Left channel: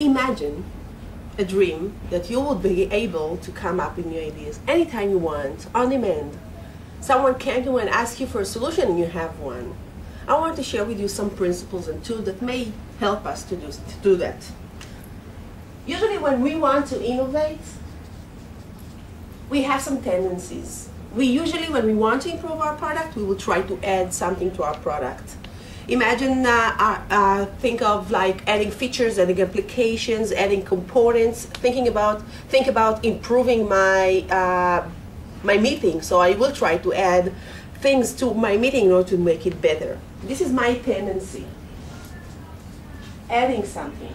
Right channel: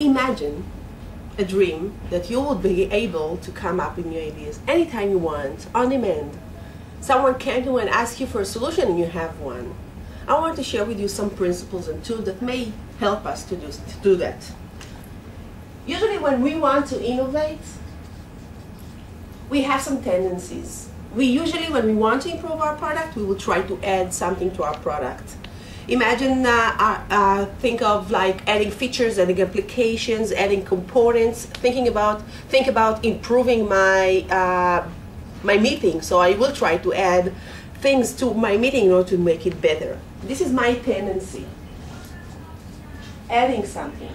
Imagine a dream that you would be able to come up with new ideas anytime you want, on demand. Someone came to you and asked you for a solution and you have one. I want to share with you some principles and tools that may help us to do that. Usually when we want to innovate, we have some tendencies. When we want to improve our product, we will try to add something to our product. Imagine, think of like adding features, adding applications, adding components. Think about improving my my meeting. So I will try to add things to my meeting in order to make it better. This is my tendency. Adding something.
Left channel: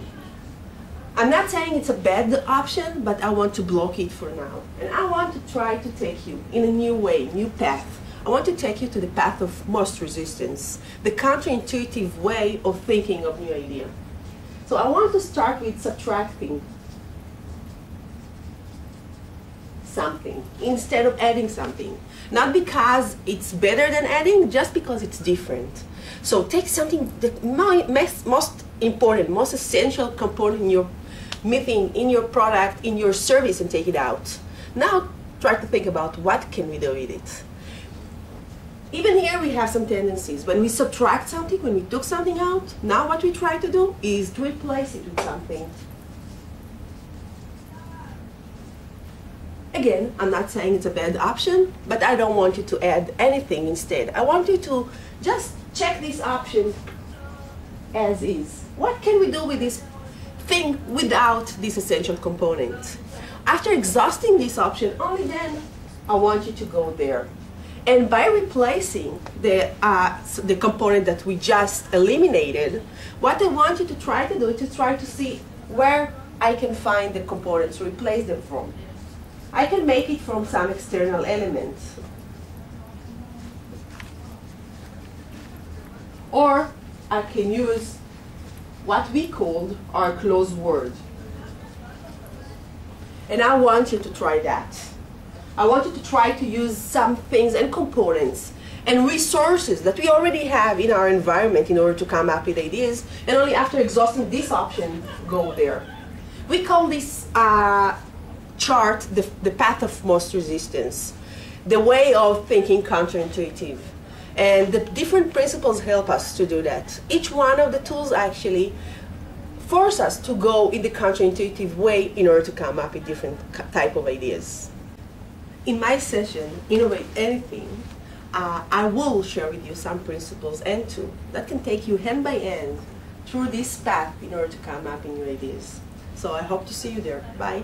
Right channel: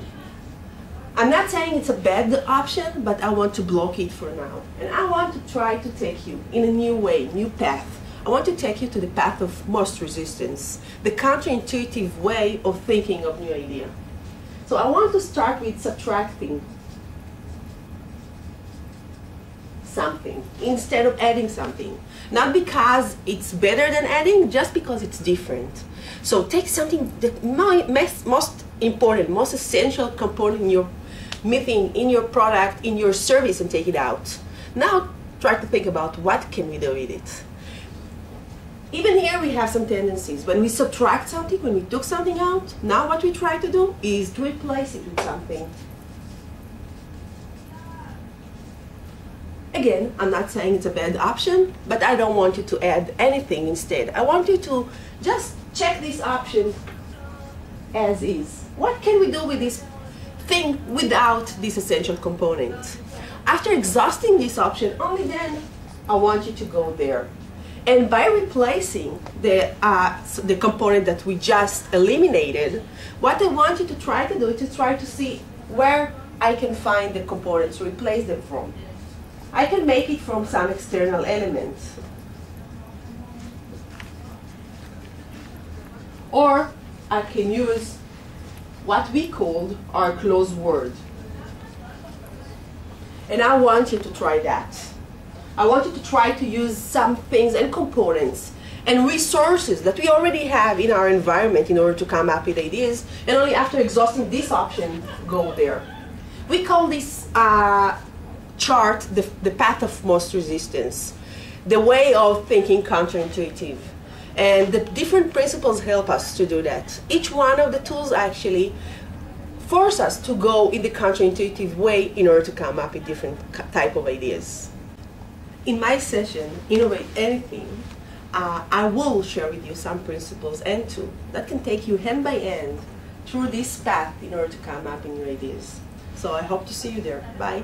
I'm not saying it's a bad option, but I want to block it for now. And I want to try to take you in a new way, new path. I want to take you to the path of most resistance, the counterintuitive way of thinking of new idea. So I want to start with subtracting something instead of adding something. Not because it's better than adding, just because it's different. So take something, the most important, most essential component in your meeting, in your product, in your service, and take it out. Now try to think about what can we do with it. Even here we have some tendencies. When we subtract something, when we took something out, now what we try to do is to replace it with something. Again, I'm not saying it's a bad option, but I don't want you to add anything instead. I want you to just check this option as is. What can we do with this thing without this essential component? After exhausting this option, only then I want you to go there. And by replacing the component that we just eliminated, what I want you to try to do is to try to see where I can find the components to replace them from. I can make it from some external element. Or I can use what we called our closed word. And I want you to try that. I want you to try to use some things and components and resources that we already have in our environment in order to come up with ideas, and only after exhausting this option, go there. We call this chart the path of most resistance, the way of thinking counterintuitive. And the different principles help us to do that. Each one of the tools actually force us to go in the counterintuitive way in order to come up with different type of ideas. In my session, Innovate Anything, I will share with you some principles and tools that can take you hand by hand through this path in order to come up with new ideas. So I hope to see you there. Bye.